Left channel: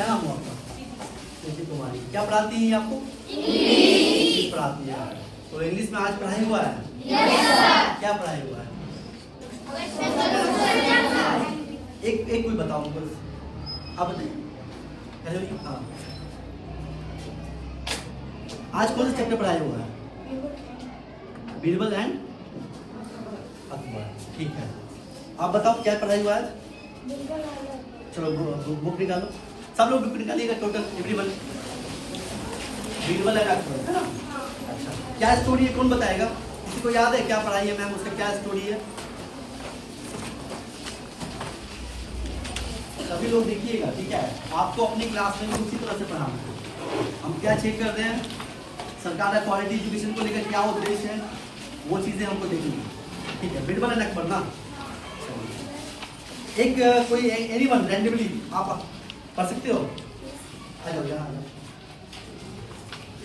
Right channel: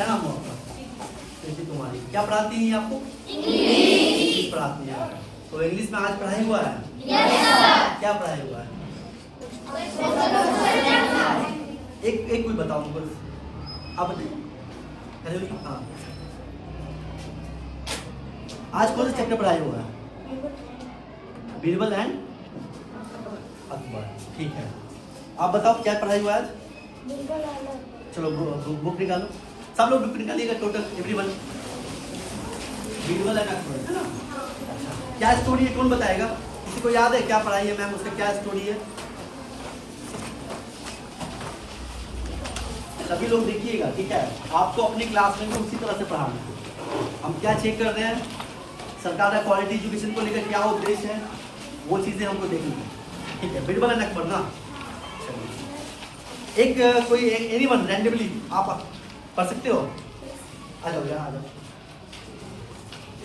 क्या नाम हुआ आपका? प्रीति कुमारी। क्या पढ़ाती हैं आपको? इंग्लिश पढ़ाती हैं। तो इंग्लिश में आज पढ़ाई हुआ है? क्या पढ़ाई हुआ है? एक कोई बताओ हमको, आप बताइए। हेलो, हाँ, आज कौन सा चैप्टर पढ़ाई हुआ है? बीरबल एंड अकबर। ठीक है, आप बताओ क्या पढ़ाई हुआ है आज? चलो बुक निकालो, सब लोग बुक निकालिएगा, total everyone. Birbal and Akbar है ना? अच्छा, क्या स्टोरी है, कौन बताएगा? किसी को याद है क्या पढ़ाई है मैम, उसका क्या स्टोरी है? सभी लोग देखिएगा, ठीक है? आपको अपनी क्लास में भी उसी तरह से पढ़ाना है। हम क्या चेक कर रहे हैं, सरकार का क्वालिटी एजुकेशन को लेकर क्या उद्देश्य है, वो चीज़ें हमको देखनी है, ठीक है? बीरबल एंड अकबर ना, एक कोई एनीवन रैंडमली आप पढ़ सकते हो? आ जाओ यहाँ, आ जाओ,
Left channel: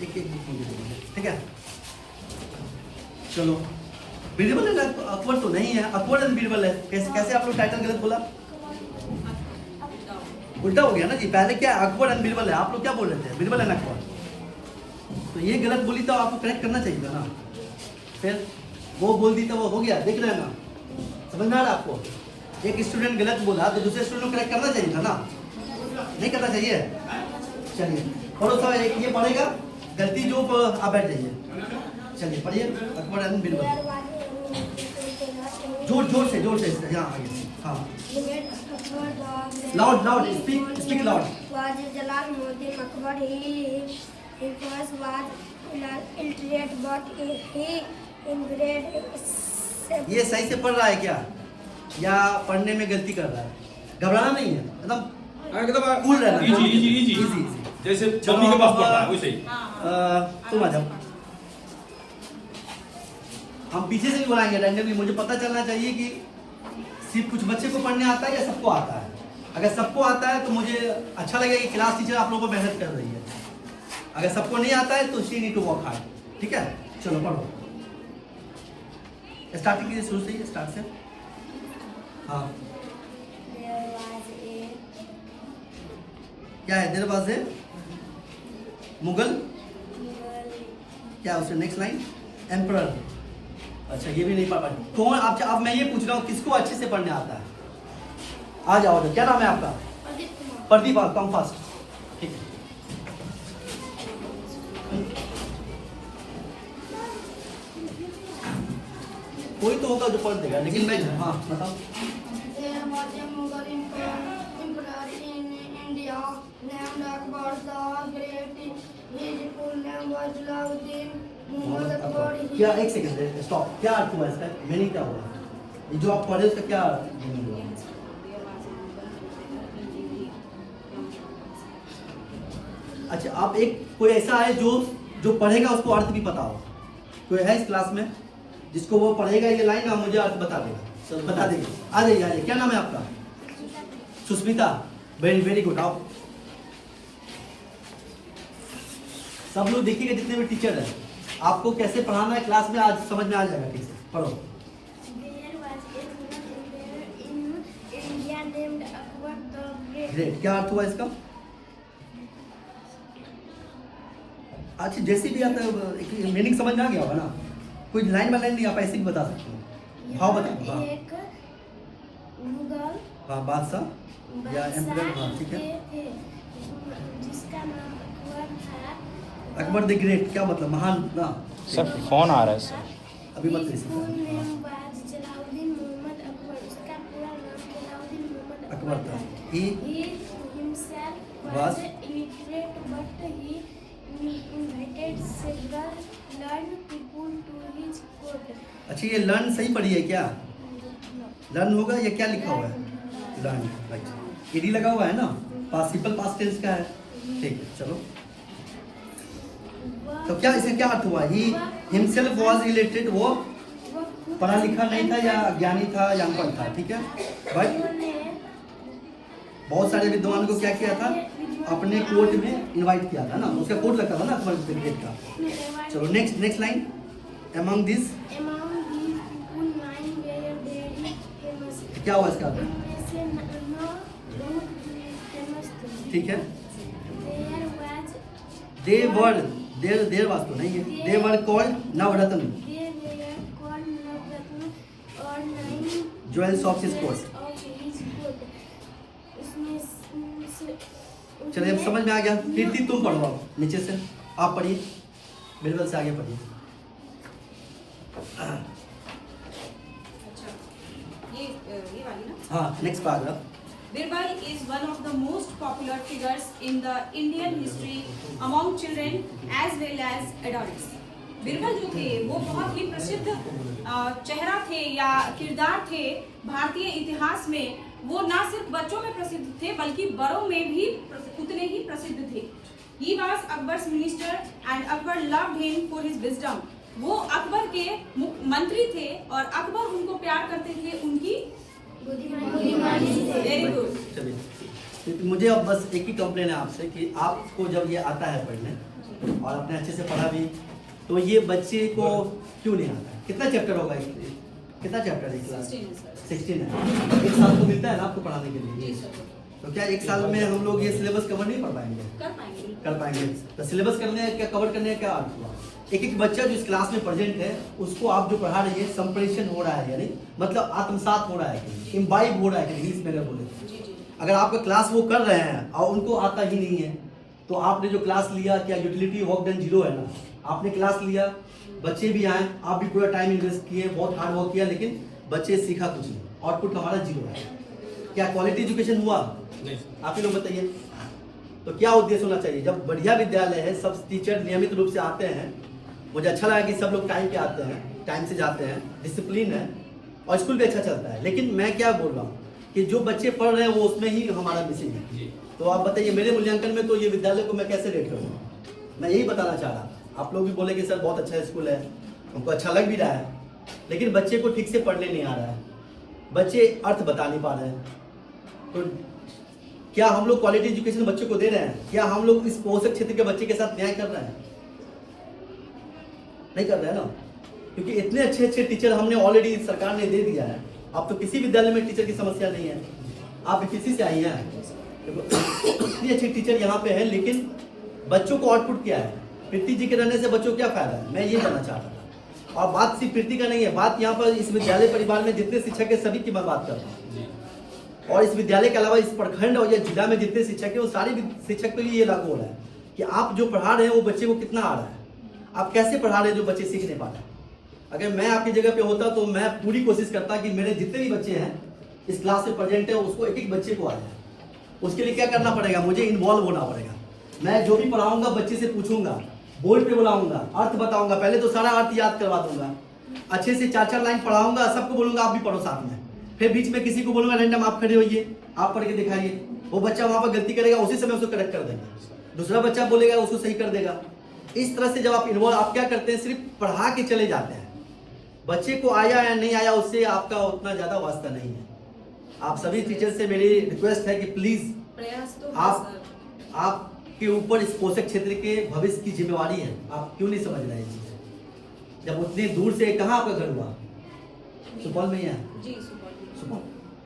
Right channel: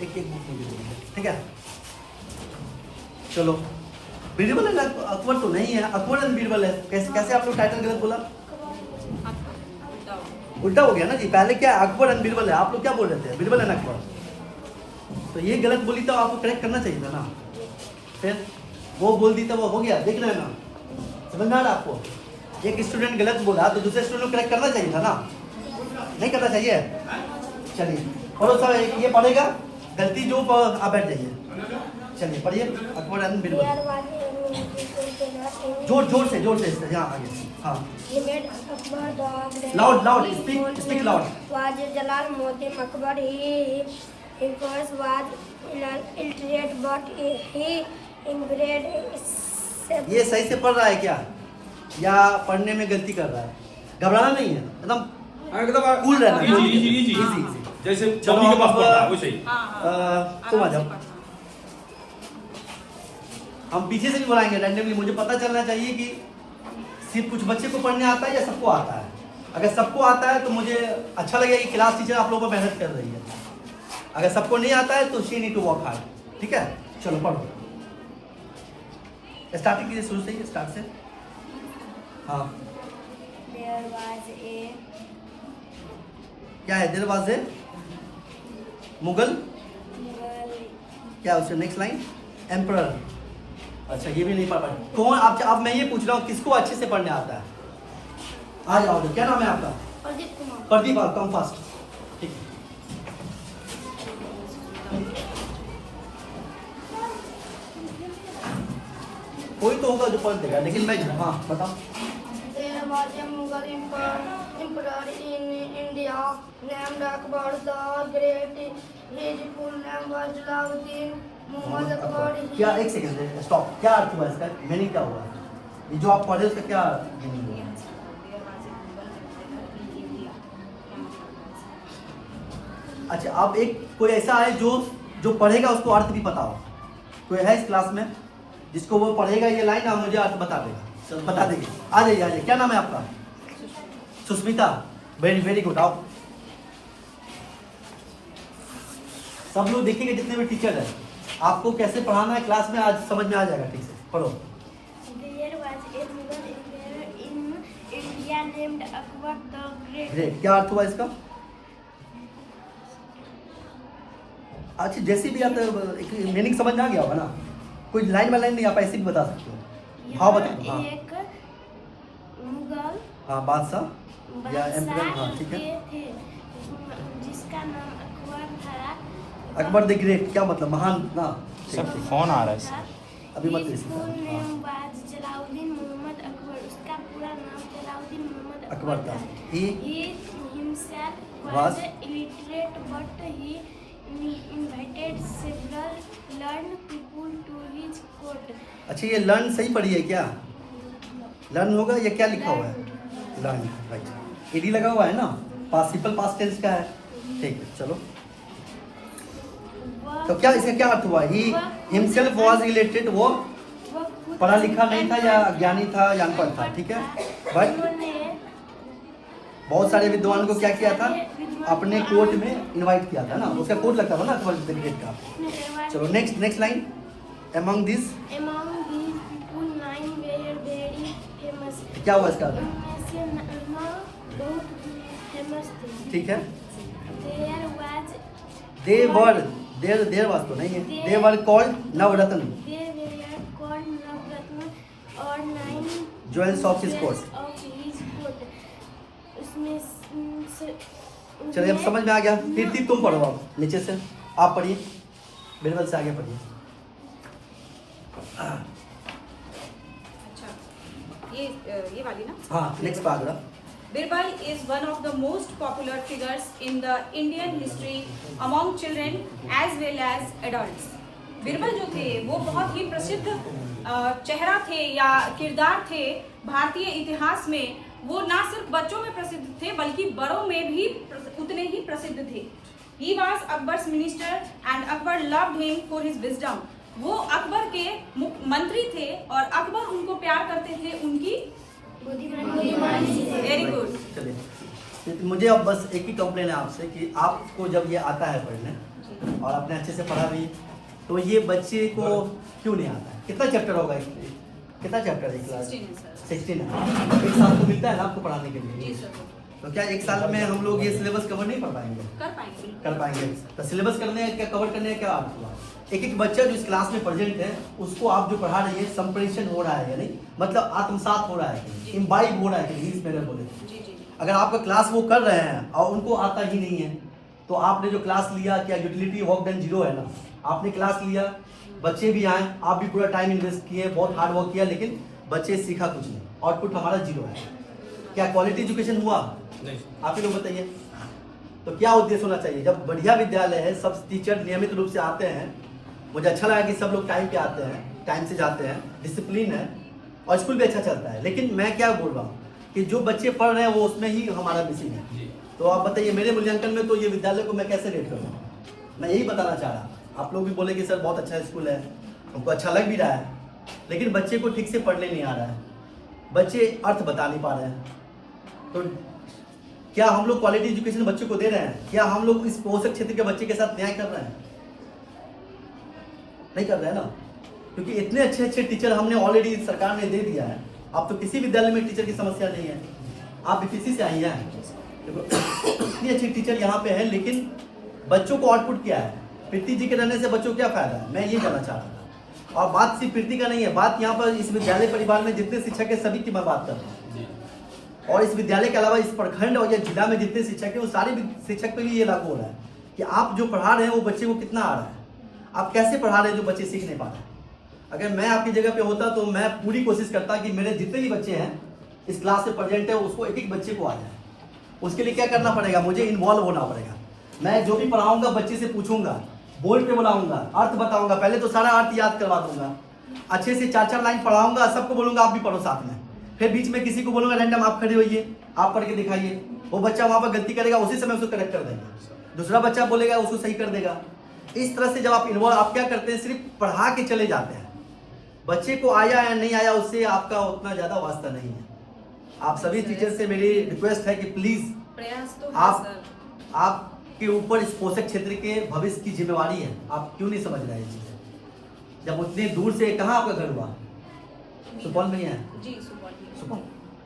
एक बुक मुझे दीजिए, ठीक है? चलो, बीरबल एंड अकबर तो नहीं है, अकबर एंड बीरबल है। कैसे आप लोग टाइटल गलत बोला? उल्टा हो गया ना जी, पहले क्या अकबर एंड बीरबल है, आप लोग क्या बोल रहे थे? बीरबल एंड अकबर। तो ये गलत बोली तो आपको करेक्ट करना चाहिए था ना, फिर वो बोल दी तो वो हो गया, देख रहे हैं ना, समझ में आ रहा है आपको? एक स्टूडेंट गलत बोला तो दूसरे स्टूडेंट को करेक्ट करना चाहिए था ना, नहीं करना चाहिए? चलिए और सब ये पढ़ेगा, गलती जो आप बैठ जाइए। चलिए पढ़िए, अकबर एंड बीरबल, जोर से यहाँ आगे, हाँ, loud speak loud. was Jalal Muhsin Akbar. He first was illiterate, but he inbred. ये सही से पढ़ रहा है क्या, या पढ़ने में गलती कर रहा है? घबराना नहीं है, एकदम कूल रहना, इजी जैसे चलो के पास पढ़ता है वैसे ही। तुम आ जाओ, हम पीछे से भी बुलाएंगे रैंडमली। मुझे पता चलना चाहिए कि सिर्फ कुछ बच्चे को पढ़ने आता है या सबको आता है। अगर सबको आता है तो मुझे अच्छा लगेगा कि क्लास टीचर आप लोगों पर मेहनत कर रही है। अगर सबको नहीं आता है तो she need to work hard, ठीक है? चलो पढ़ो, स्टार्टिंग कीजिए, शुरू से स्टार्ट से। हाँ, क्या है? देयर वाज ए मुगल, क्या उसका नेक्स्ट लाइन? एम्परर। अच्छा, ये भी नहीं पढ़ पाए कौन? आप अब मैं ये पूछ रहा हूँ किसको अच्छे से पढ़ने आता है? आ जाओ, क्या नाम है आपका? प्रदीप। आप कम फास्ट, ठीक है? कोई तो होगा जो पढ़ देगा, लेकिन मैं, हाँ बताओ। There was a Mughal emperor in India named Akbar the Great. His full name was Jalaluddin Muhammad Akbar. क्या, एक सेकंड स्टॉप, क्या अर्थ हुआ इसका, मीनिंग क्या हुआ? ये जो आप पढ़े उसका क्या मीनिंग हुआ? अच्छा, आप एक कोई ऐसा है जो पढ़ेगा उसको अर्थ भी पता हो? कोई है इस क्लास में जिसको वो पढ़ेगा ये लाइन, आप मुझे अर्थ बता देगा? चलो बता देंगे, आ जाइए। क्या नाम है आपका? सुस्मिता। Very good. आओ, सब लोग देखिएगा, जितने भी टीचर हैं, आपको कैसे पढ़ाना है क्लास में आज समझ में आ जाएगा, ठीक से पढ़ो। There was a Mughal emperor in India named Akbar the Great. Great, क्या अर्थ हुआ इसका? अच्छा, जैसे भी आता है मीनिंग समझ में आ गया होगा ना? कोई लाइन बाय लाइन नहीं, आप ऐसे भी बता सकते हो। हाँ बताओ। हाँ, एक मुगल हाँ, बादशाह या एम्परर, हाँ ठीक है, थे जिसका नाम अकबर था। अकबर द ग्रेट, क्या मतलब? महान ना? सर फोन आ रहा है सर। अभी मत His full हाँ, name was Jalaluddin Muhammad Akbar. उसका पूरा नाम जलालुद्दीन मोहम्मद अकबर अकबर था। था। He He himself was was illiterate, but he invited several learned people to his court. अच्छा, ये लर्न सही पढ़ी है क्या? लर्न होगा या क्या लिखा हुआ है? Learn, right. ईडी लगा हुआ है ना, पासिबल पास्ट टेंस का है, ठीक है? चलो, तो क्या इसका क्या अर्थ हुआ? ही हिमसेल्फ वाज इलिटरेट, वो पढ़ा लिखा नहीं था या अज्ञानी था या अनपढ़ था, ठीक है? बट बहुत सारे विद्वान को क्या किया था? अपने कोर्ट में इनवाइट किया था ना, उसका कोर्ट लगता था ना अकबर द ग्रेट का। चलो next line. Among this, Among these people, 9 were very famous. क्या हुआ इसका? इनमें से 9 बहुत फेमस थे। ठीक है, There was देर वाज तो नहीं है, they were called Navratna they were called Navratna or 9 jewels of his court. of his court. उसमें चलिए अब समझ में आ गया। कीर्ति तुम पढ़ो अब नीचे से, आप पढ़िए, बिरबल से आगे पढ़िए। अच्छा, ये वाली ना। हाँ, next paragraph. Birbal is one of the most popular figures in the Indian history among children as well as adults. Birbal जो थे वो बहुत ही प्रसिद्ध चेहरा थे या किरदार थे भारतीय इतिहास में। वो ना सिर्फ बच्चों में प्रसिद्ध थे बल्कि बड़ों में भी उतने ही प्रसिद्ध थे। He was Akbar's minister and Akbar loved him for his wisdom. वो अकबर के मंत्री थे और अकबर उनको प्यार करते थे उनकी बुद्धिमानी से। Very good. चलिए, मुझे अब बस एक ही कंप्लेन है आपसे कि आपको जब ये आता है पढ़ने और आपने अच्छे से पढ़ा भी, तो ये बच्चे को क्यों नहीं आता है? कितना चैप्टर होगा कितना चैप्टर है क्लास? 16 है। एक साल को मिलता है ना आपको पढ़ाने के लिए, तो क्या एक साल में हम लोग ये सिलेबस कवर नहीं कर पाएंगे? कर पाएंगे। तो सिलेबस करने क्या कवर करने का क्या अर्थ हुआ? एक एक बच्चा जो इस क्लास में प्रेजेंट है उसको आप जो पढ़ा रही है संप्रेषण हो रहा है यानी मतलब आत्मसात हो रहा है, इम्बाइब हो रहा है, इंग्लिश में अगर बोले। अगर आपका क्लास वो कर रहे हैं और उनको आता ही नहीं है, तो आपने जो क्लास लिया क्या यूटिलिटी वर्क डन 0 है ना? आपने क्लास लिया, बच्चे भी आए, आप भी पूरा टाइम इन्वेस्ट किए, बहुत हार्ड वर्क किया, लेकिन बच्चे सीखा कुछ नहीं, आउटपुट हमारा 0 है। क्या क्वालिटी एजुकेशन हुआ? नहीं। आप ही लोग बताइए। तो क्या उद्देश्य होना चाहिए? जब बढ़िया विद्यालय है, सब टीचर नियमित रूप से आते हैं, मुझे अच्छा लगा कि सब लोग टाइम पे आते हैं, टाइम से जाते हैं, डिसिप्लिन है और स्कूल भी अच्छा चलता है। लेकिन मैं क्या बोल रहा हूँ कि जो बच्चे पढ़ रहे हैं वो उसमें ही हमारा मिसिंग है। तो आप बताइए मेरे मूल्यांकन में तो ये विद्यालय को मैं कैसे रेट करूँ? मैं यही बताना चाह रहा था। आप लोग भी बोले कि सर बहुत अच्छा स्कूल है, हमको अच्छा लग भी रहा है, लेकिन बच्चे को ठीक से पढ़ने नहीं आ रहा है, बच्चे अर्थ बता नहीं पा रहे हैं। तो क्या हम लोग क्वालिटी एजुकेशन बच्चों को दे रहे हैं? क्या हम लोग इस पोषक क्षेत्र के बच्चे के साथ न्याय कर रहे हैं? नहीं कर रहे हैं ना, क्योंकि इतने अच्छे अच्छे टीचर हमने ऑलरेडी सरकार ने दे दिया है। अब तो किसी विद्यालय में टीचर की समस्या नहीं है। आप बीपीसी से आई हैं, इतनी अच्छी टीचर यहाँ पे है, लेकिन बच्चों को आउटपुट क्या है? प्रीति जी के रहने से बच्चों को क्या फायदा है? मैं ये जानना चाह रहा था। और बात सिर्फ प्रीति का नहीं है, बात यहाँ पर इस विद्यालय परिवार में जितने शिक्षक है सभी की मैं बात कर रहा हूँ। और इस विद्यालय के अलावा इस प्रखंड और ये जिला में जितने शिक्षक है वो सारे शिक्षक पे भी ये लागू हो रहा है कि आप जो पढ़ा रहे हैं वो बच्चे को कितना आ रहा है, आप कैसे पढ़ा रहे हैं जो बच्चे सीख नहीं पा रहे हैं। अगर मैं आपकी जगह पे होता तो मैं पूरी कोशिश करता कि मेरे जितने भी बच्चे हैं इस क्लास में प्रेजेंट है उसको एक एक बच्चे को आ जाए। उसके लिए क्या करना पड़ेगा? मुझे इन्वॉल्व होना पड़ेगा। मैं जो भी पढ़ाऊंगा बच्चे से पूछूंगा, बोर्ड पे बुलाऊंगा, अर्थ बताऊंगा, पहले तो सारा अर्थ याद करवा दूंगा, अच्छे से 4-4 लाइन पढ़ाऊंगा, सबको बोलूंगा आप भी पढ़ो साथ में, फिर बीच में किसी को बोलूंगा रैंडम आप खड़े होइए, आप पढ़ के दिखाइए। वो बच्चा वहां पर गलती करेगा, उसी समय उसको करेक्ट कर देंगे, दूसरा बच्चा बोलेगा उसको सही कर देगा। इस तरह से जब आप इन्वॉल्व, आप क्या करते हैं सिर्फ पढ़ा के चले जाते हैं, बच्चे को आया या नहीं आया उससे आपका उतना ज्यादा वास्ता नहीं है। आप सभी टीचर से मेरी रिक्वेस्ट है कि प्लीज प्रयास तो आपके ऊपर इस पोषक क्षेत्र के भविष्य की जिम्मेवारी है। आप क्यों नहीं समझ रहे हैं चीजें? जब उतनी दूर से, कहाँ आपका घर हुआ? सुपौल में ही है। जी सुपौल,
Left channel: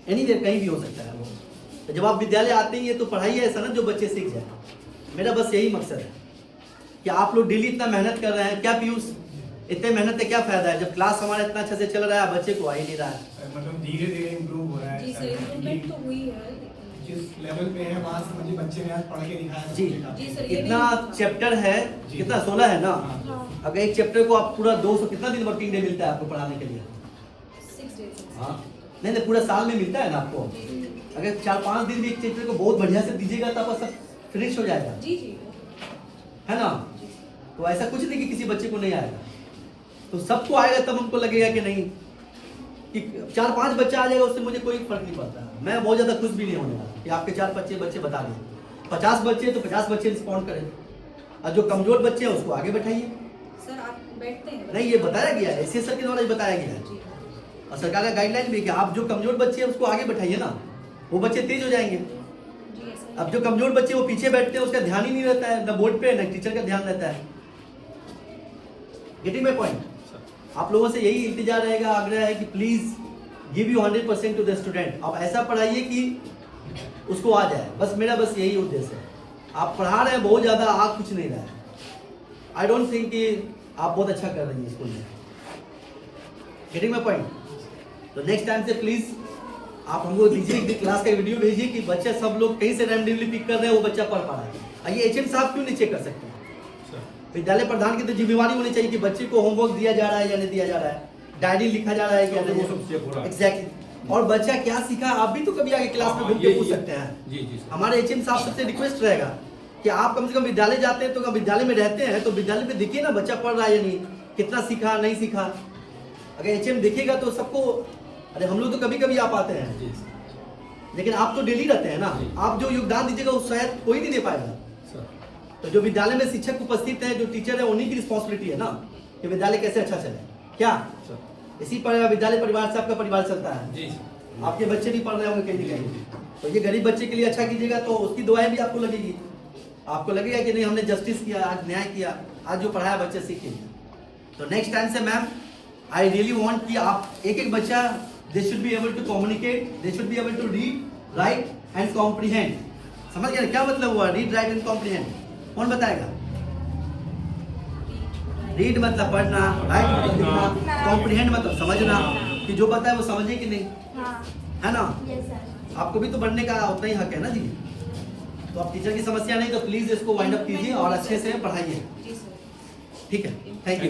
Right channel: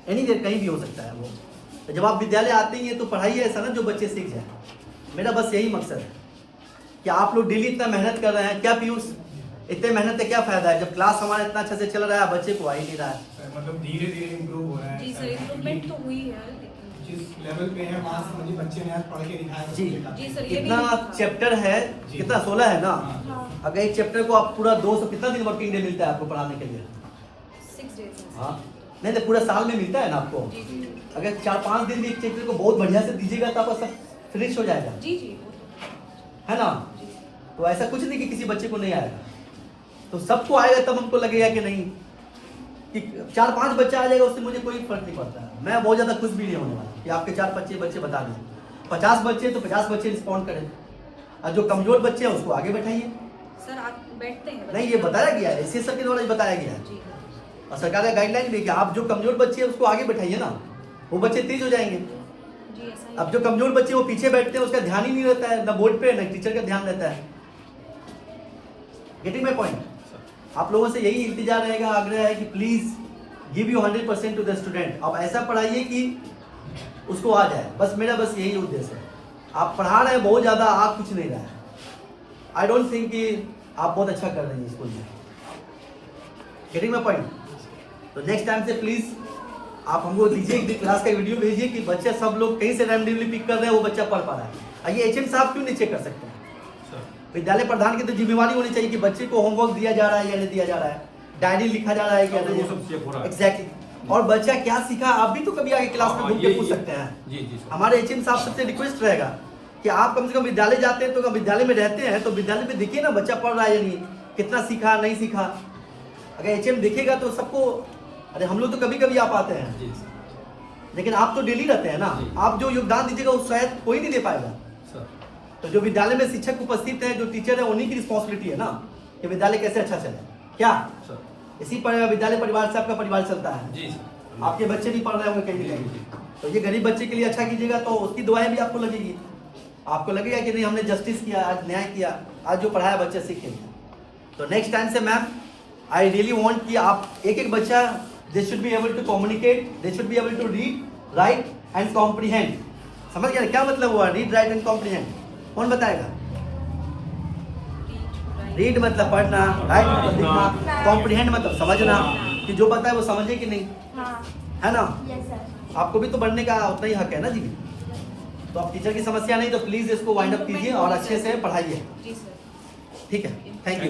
एनी देर कहीं भी हो सकता है वो। तो जब आप विद्यालय आते ही है तो पढ़ाई ऐसा ना जो बच्चे सीख जाए। मेरा बस यही मकसद है कि आप लोग डेली इतना मेहनत कर रहे हैं, क्या पीयूष इतने मेहनत से क्या फायदा है जब क्लास हमारा इतना अच्छा से चल रहा है, बच्चे को आ ही नहीं रहा है। मतलब धीरे धीरे इम्प्रूव हो रहा है। जी सर, इम्प्रूवमेंट तो हुई है। जिस लेवल पे है वहाँ से मुझे बच्चे ने आज पढ़ के दिखाया। जी जी सर, ये कितना भी- चैप्टर है? कितना 16 है ना? अगर एक चैप्टर को आप पूरा 200 कितना दिन वर्किंग डे मिलता है आपको पढ़ाने के लिए? 6 days। हाँ नहीं तो पूरा साल में मिलता है ना आपको। अगर 4-5 दिन भी एक चैप्टर को बहुत बढ़िया से दीजिएगा तो आपका सब फिनिश हो जाएगा, जी जी है ना? तो ऐसा कुछ नहीं कि किसी बच्चे को नहीं आएगा, तो सबको आएगा तब हमको लगेगा कि नहीं कि 4-5 बच्चा आ जाएगा उससे मुझे कोई फर्क नहीं पड़ता। मैं बहुत ज्यादा खुश भी नहीं होने वाला कि आपके 4-5 बच्चे बता दें। 50 बच्चे तो 50 बच्चे रिस्पॉन्ड करें, और जो कमजोर बच्चे हैं उसको आगे बैठाइए। सर, आप बैठते हैं? नहीं, ये बताया गया है, एससी सर के द्वारा बताया गया है, जी और सरकार का गाइडलाइन भी है कि आप जो कमजोर बच्चे हैं उसको आगे बैठाइए ना, वो बच्चे तेज हो जाएंगे। जी ऐसा ही। अब जो कमजोर बच्चे वो पीछे बैठते हैं, उसका ध्यान ही नहीं रहता है, ना बोर्ड पे ना टीचर का ध्यान रहता है। Getting my point? आप लोगों से यही इल्तिजा रहेगा, आग्रह है कि please give you 100% to the student. अब ऐसा पढ़ाइए कि उसको आ जाए, बस मेरा बस यही उद्देश्य है। आप पढ़ा रहे हैं बहुत ज़्यादा, आप कुछ नहीं रहा है। आई डोंट थिंक कि आप बहुत अच्छा कर रही हैं स्कूल में। Getting my point? तो नेक्स्ट टाइम से प्लीज़ आप हमको दीजिए एक क्लास का वीडियो भेजिए कि बच्चे सब लोग कहीं से रैंडमली पिक कर रहे हैं, वो बच्चा पढ़ पा रहा है। आइए एचएम साहब क्यों नहीं चेक कर सकते? विद्यालय प्रधान की तो जिम्मेवारी होनी चाहिए कि बच्चे को होमवर्क दिया जा रहा है या नहीं दिया जा रहा है, डायरी लिखा जा रहा है क्या वो सब चेक हो रहा है। एग्जैक्टली। और बच्चा क्या सीखा आप भी तो कभी आगे क्लास में घूम के पूछ सकते हैं। जी जी सर। हमारे एचएम साहब सबसे रिक्वेस्ट रहेगा कि आप कम से कम विद्यालय जाते हैं तो विद्यालय में रहते हैं तो विद्यालय में देखिए ना बच्चा पढ़ रहा है या नहीं, कितना सीखा नहीं सीखा। अगर एचएम देखेगा तो सबको, अरे हम लोग तो कभी कभी आप आते हैं, जी सर। लेकिन आप तो डेली रहते हैं ना, जी। आप जो योगदान दीजिएगा वो शायद कोई नहीं दे पाएगा। सर तो जो विद्यालय में शिक्षक उपस्थित है, जो टीचर है, उन्हीं की रिस्पॉन्सिबिलिटी है ना कि विद्यालय कैसे अच्छा चले। क्या सर। इसी पर विद्यालय परिवार से आपका परिवार चलता है। जी सर। आपके बच्चे भी पढ़ रहे होंगे कहीं ना जी, कहीं, जी। तो ये गरीब बच्चे के लिए अच्छा कीजिएगा तो उसकी दुआएं भी आपको लगेगी। आपको लगेगा कि नहीं हमने जस्टिस किया, आज न्याय किया, आज जो पढ़ाया बच्चे सीख गए। तो नेक्स्ट टाइम से मैम आई रियली वांट कि आप एक एक बच्चा they should be able to communicate, they should be able to read, write and comprehend. समझ गया क्या मतलब हुआ रीड, राइट एंड कॉम्प्रीहेंड? कौन बताएगा? रीड मतलब पढ़ना, राइट मतलब लिखना, कॉम्प्रीहेंड मतलब समझना, कि जो पता है वो समझे कि नहीं, हाँ है ना? Yes sir. आपको भी तो बढ़ने का उतना ही हक है ना जी। तो आप टीचर की समस्या नहीं तो प्लीज इसको वाइंड अप कीजिए और अच्छे से पढ़ाइए। जी सर। ठीक है, थैंक यू।